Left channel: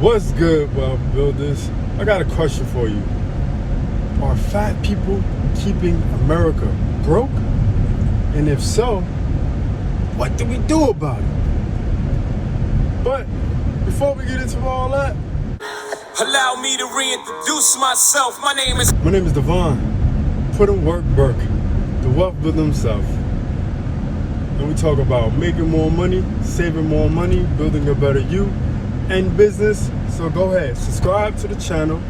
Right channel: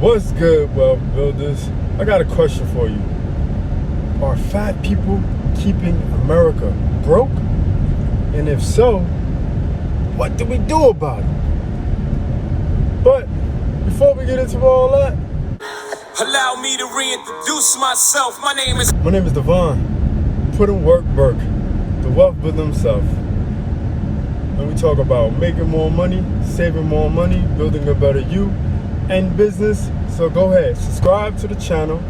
What's good, wealth builders? I got a question for you. Are fat people keeping America broke? And if so, what do we do about it? But before we get into all that, allow me to reintroduce myself. My name is Devon. Put in work, Burke, the wealth builder himself. And we talk about making more money, saving more money, building a better you and business. So go ahead, subscribe to the channel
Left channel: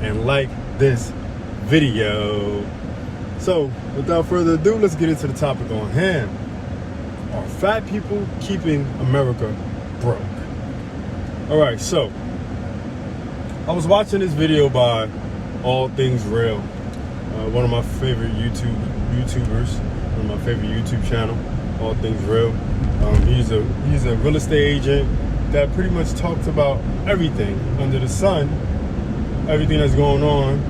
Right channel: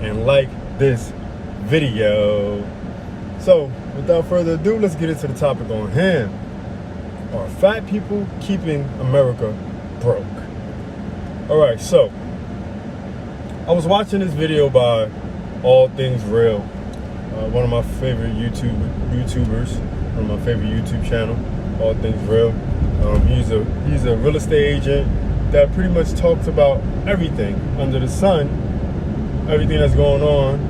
and like this video. So without further ado, let's get into the topic on hand. Are fat people keeping America broke? All right, so I was watching this video by All Things Real, one of my favorite YouTubers, one of my favorite YouTube channel, All Things Real. He's a real estate agent that pretty much talks about everything under the sun, everything that's going on,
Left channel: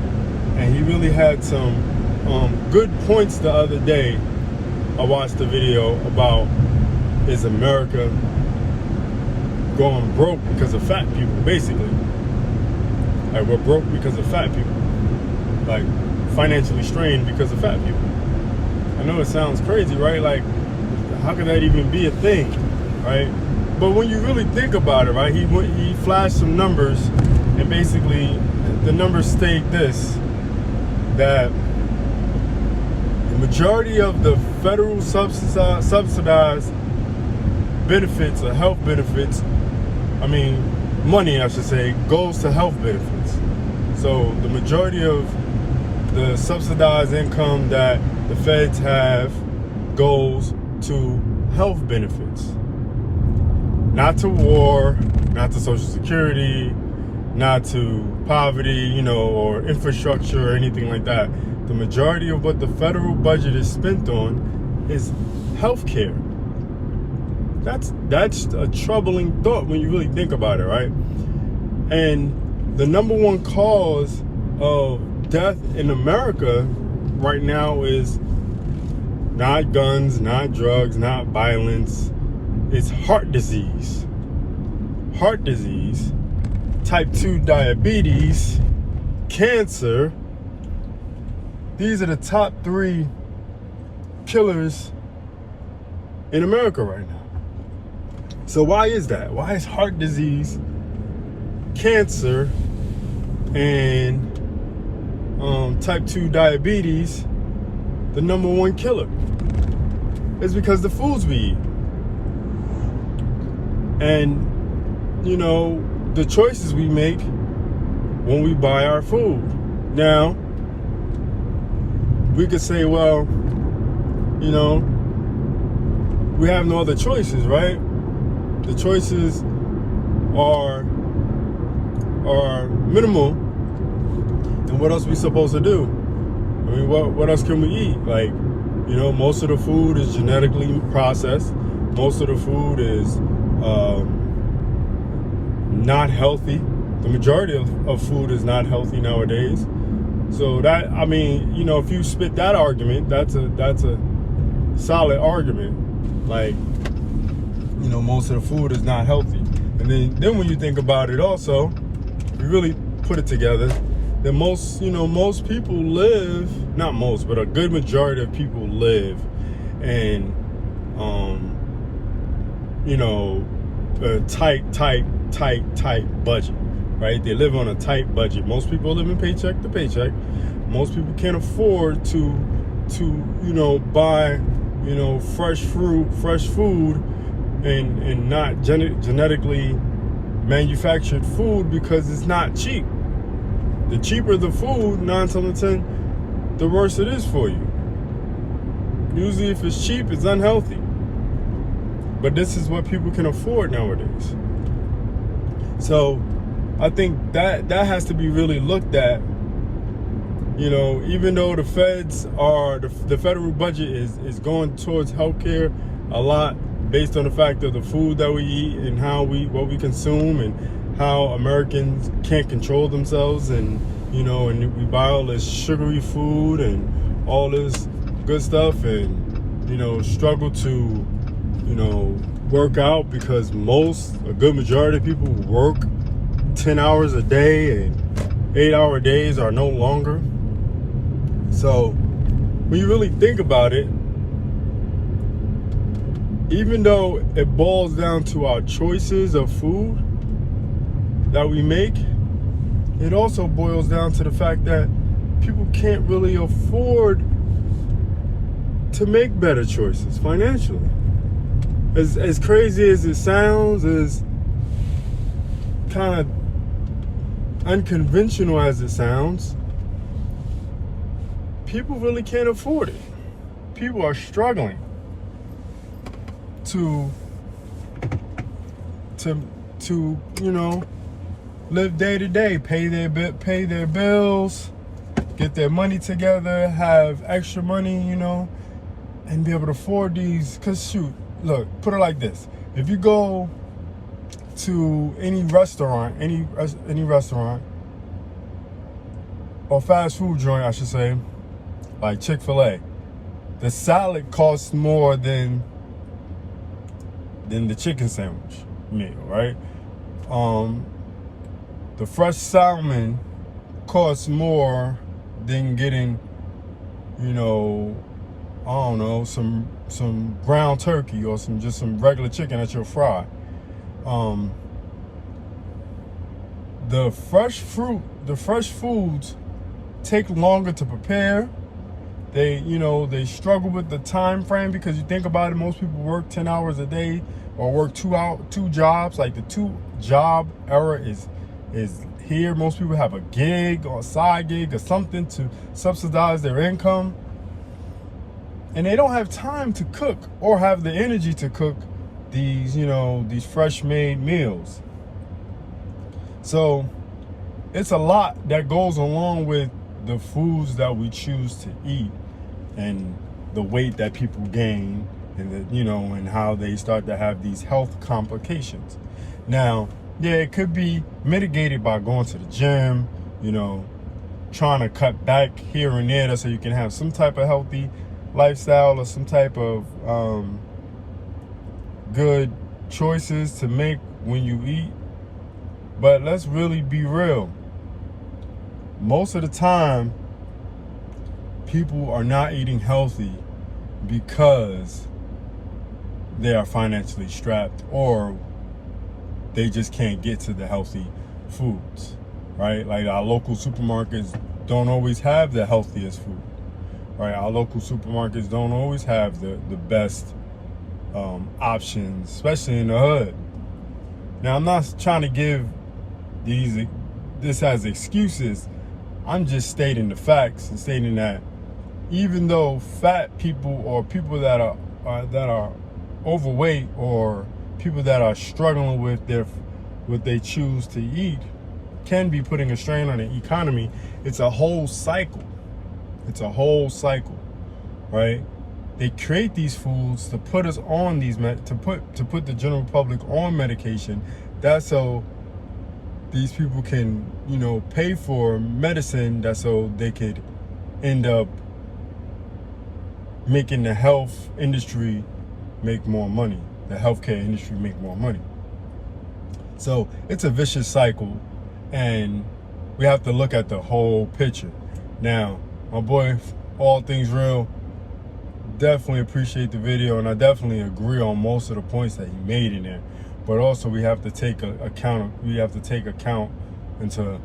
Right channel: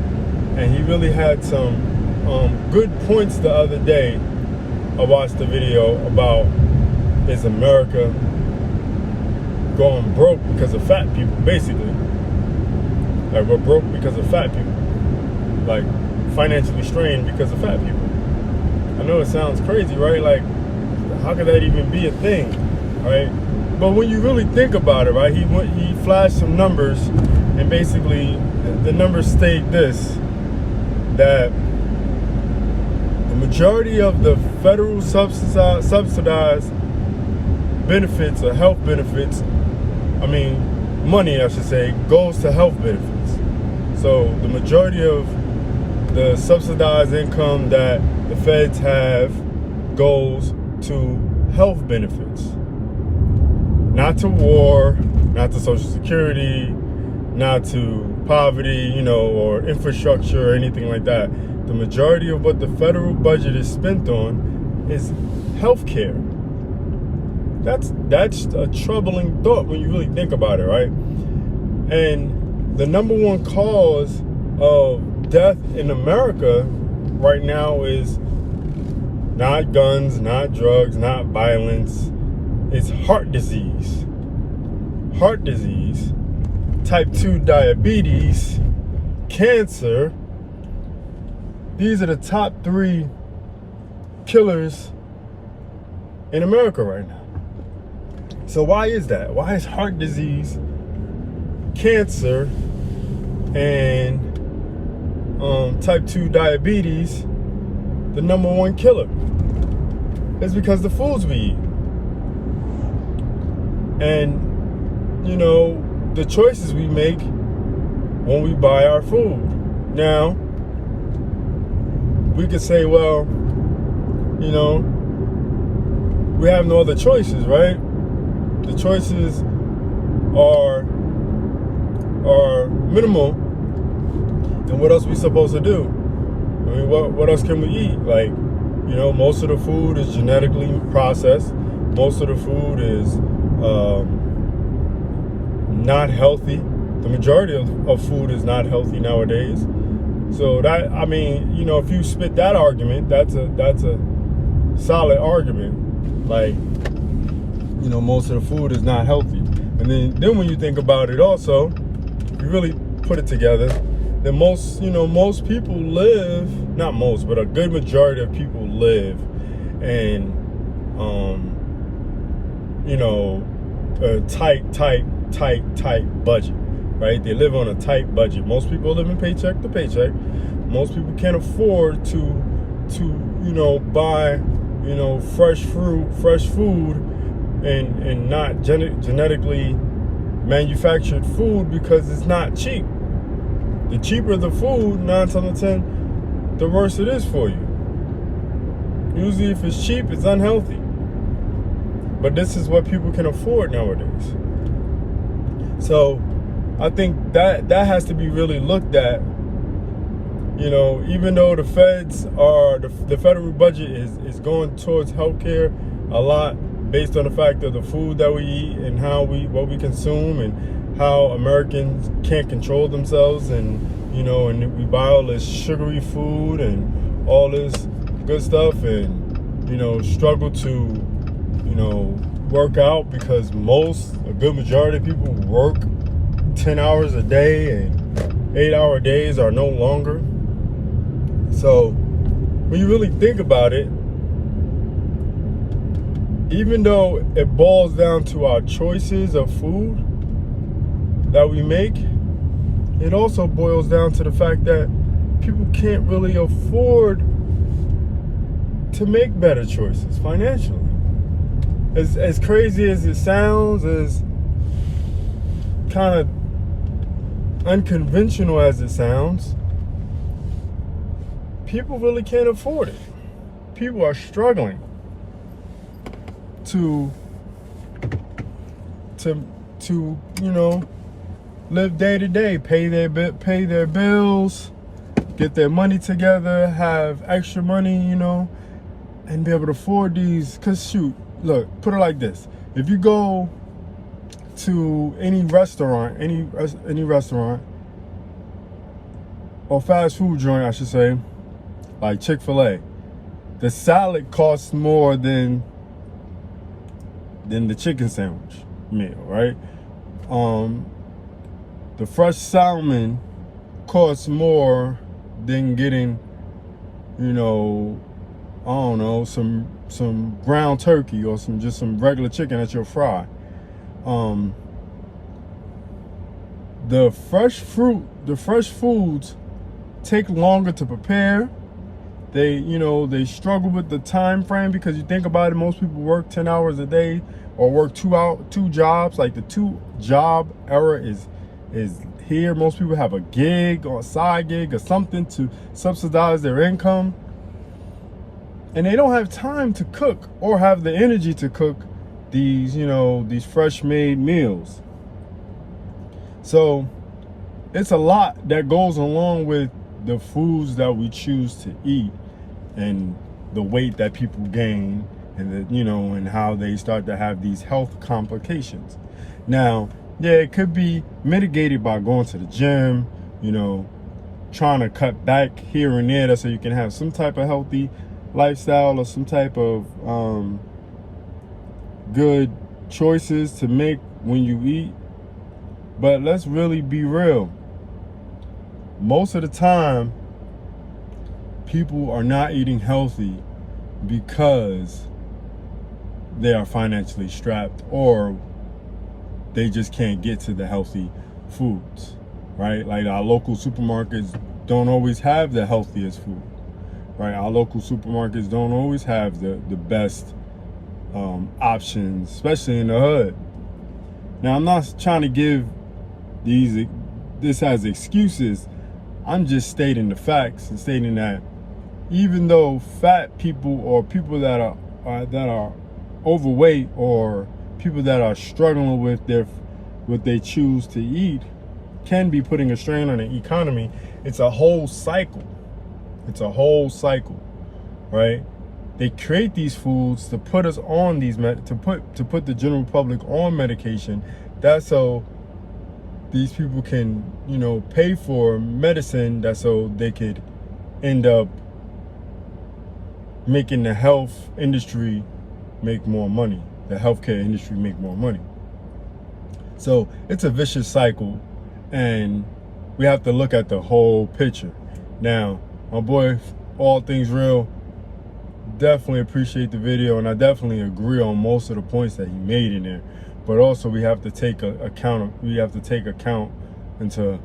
and he really had some good points the other day. I watched the video about, is America going broke because of fat people, basically. Like, we're broke because of fat people. Like, financially strained because of fat people. I know it sounds crazy, right? Like, how could that even be a thing, right? But when you really think about it, right, he flashed some numbers, and basically the numbers state this, that the majority of the federal subsidized benefits or health benefits, money I should say, goes to health benefits. So the majority of the subsidized income that the feds have goes to health benefits. Not to war, not to Social Security, not to poverty, or infrastructure or anything like that. The majority of what the federal budget is spent on is healthcare. That's a troubling thought when you really think about it, right? And the number one cause of death in America right now is not guns, not drugs, not violence. It's heart disease. Heart disease, type 2 diabetes, cancer. These are the top 3 killers in America right now. So why is that? Why is heart disease, cancer, and type 2 diabetes the number one killer? It's because the foods we eat. And, the choices we make when we buy our food. Now, we could say, well, we have no other choices, right? The choices are minimal. And what else are we supposed to do? What else can we eat? Like, most of the food is genetically processed. Most of the food is not healthy. The majority of food is not healthy nowadays. So that, if you spit that argument, that's a solid argument. Like, most of the food is not healthy. And then when you think about it also, you really put it together, then most people live, not most, but a good majority of people live in, a tight budget, right? They live on a tight budget. Most people live in paycheck to paycheck. Most people can't afford to buy, fresh fruit, fresh food, and not genetically manufactured food, because it's not cheap. The cheaper the food, 9 times out of 10, the worse it is for you. Usually if it's cheap, it's unhealthy. But this is what people can afford nowadays. So I think that has to be really looked at. Even though the feds are, the federal budget is going towards healthcare a lot, based on the fact of the food that we eat and what we consume, and how Americans can't control themselves, and and we buy all this sugary food and all this good stuff, and struggle to work out, because a good majority of people work 10 hours a day, and 8-hour days are no longer. So when you really think about it, even though it boils down to our choices of food that we make, it also boils down to the fact that people can't really afford to make better choices financially. As crazy as it sounds, as kind of unconventional as it sounds, people really can't afford it. People are struggling to live day to day, pay their bills, get their money together, have extra money, and be able to afford these. Cause shoot, look, put it like this: if you go to any restaurant, or fast food joint, I should say, like Chick-fil-A, the salad costs more than the chicken sandwich meal, right? The fresh salmon costs more than getting, some ground turkey or some regular chicken at your fry. The fresh foods take longer to prepare. They struggle with the time frame, because you think about it, most people work 10 hours a day or work two jobs. Like the 2-job era is here. Most people have a gig or a side gig or something to subsidize their income, and they don't have time to cook or have the energy to cook these fresh made meals. So it's a lot that goes along with the foods that we choose to eat, and the weight that people gain, and and how they start to have these health complications. Now, yeah, it could be mitigated by going to the gym, trying to cut back here and there, so you can have some type of healthy lifestyle or some type of good choices to make when you eat. But let's really be real. Most of the time, people are not eating healthy because they are financially strapped, or they just can't get to the healthy foods, right? Like our local supermarkets don't always have the healthiest food, right? Our local supermarkets don't always have the best options, especially in the hood. Now, I'm not trying to give this as excuses. I'm just stating the facts and stating that even though fat people, or people that are overweight, or people that are struggling with what they choose to eat, can be putting a strain on the economy, it's a whole cycle. Right? They create these foods to put us on to put the general public on medication. That's so these people can, pay for medicine, that's so they could end up making the health industry make more money, the healthcare industry make more money. So it's a vicious cycle, and we have to look at the whole picture. Now, my boy, All Things Real, definitely appreciate the video, and I definitely agree on most of the points that he made in there. But also, we have to take account into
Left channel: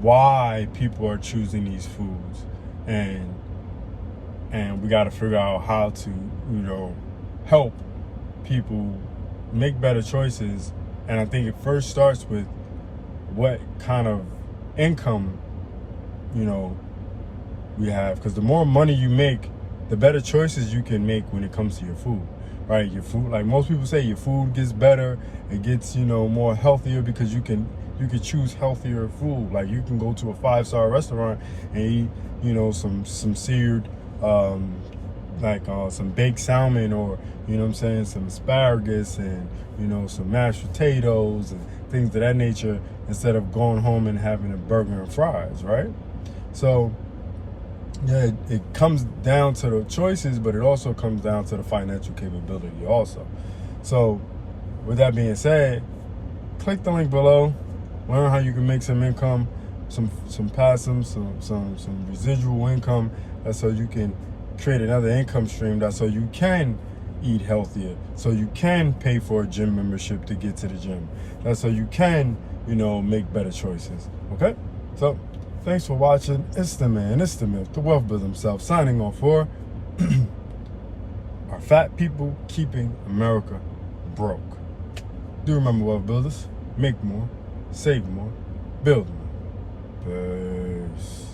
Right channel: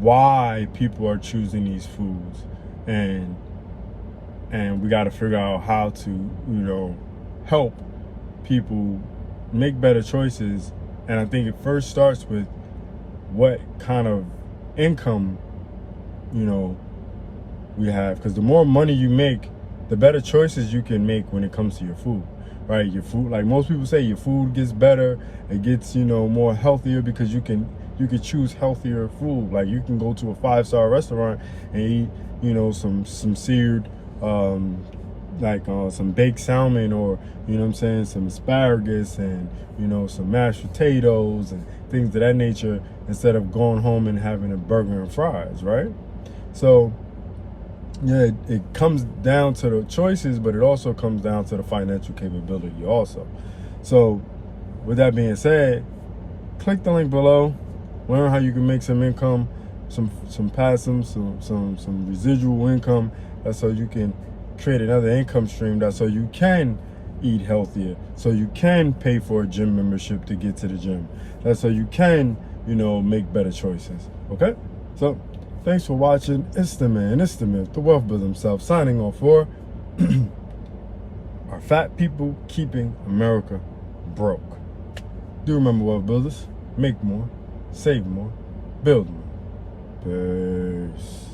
why people are choosing these foods, and we got to figure out how to help people make better choices. And I think it first starts with what kind of income we have, because the more money you make, the better choices you can make when it comes to your food, right? Your food, like most people say, your food gets better, it gets more healthier, because you can choose healthier food. Like you can go to a 5-star restaurant and eat some seared some baked salmon, or some asparagus, and some mashed potatoes and things of that nature, instead of going home and having a burger and fries, right? So yeah, it comes down to the choices, but it also comes down to the financial capability also. So with that being said, click the link below, Learn how you can make some income, some passive, some residual income. That's so you can create another income stream. That's so you can eat healthier, so you can pay for a gym membership to get to the gym. That's so you can, make better choices. Okay? So, thanks for watching. It's the man, it's the myth, the wealth builder himself, signing off for Are fat people keeping America broke? Do remember, wealth builders, make more, save more, build more. Peace.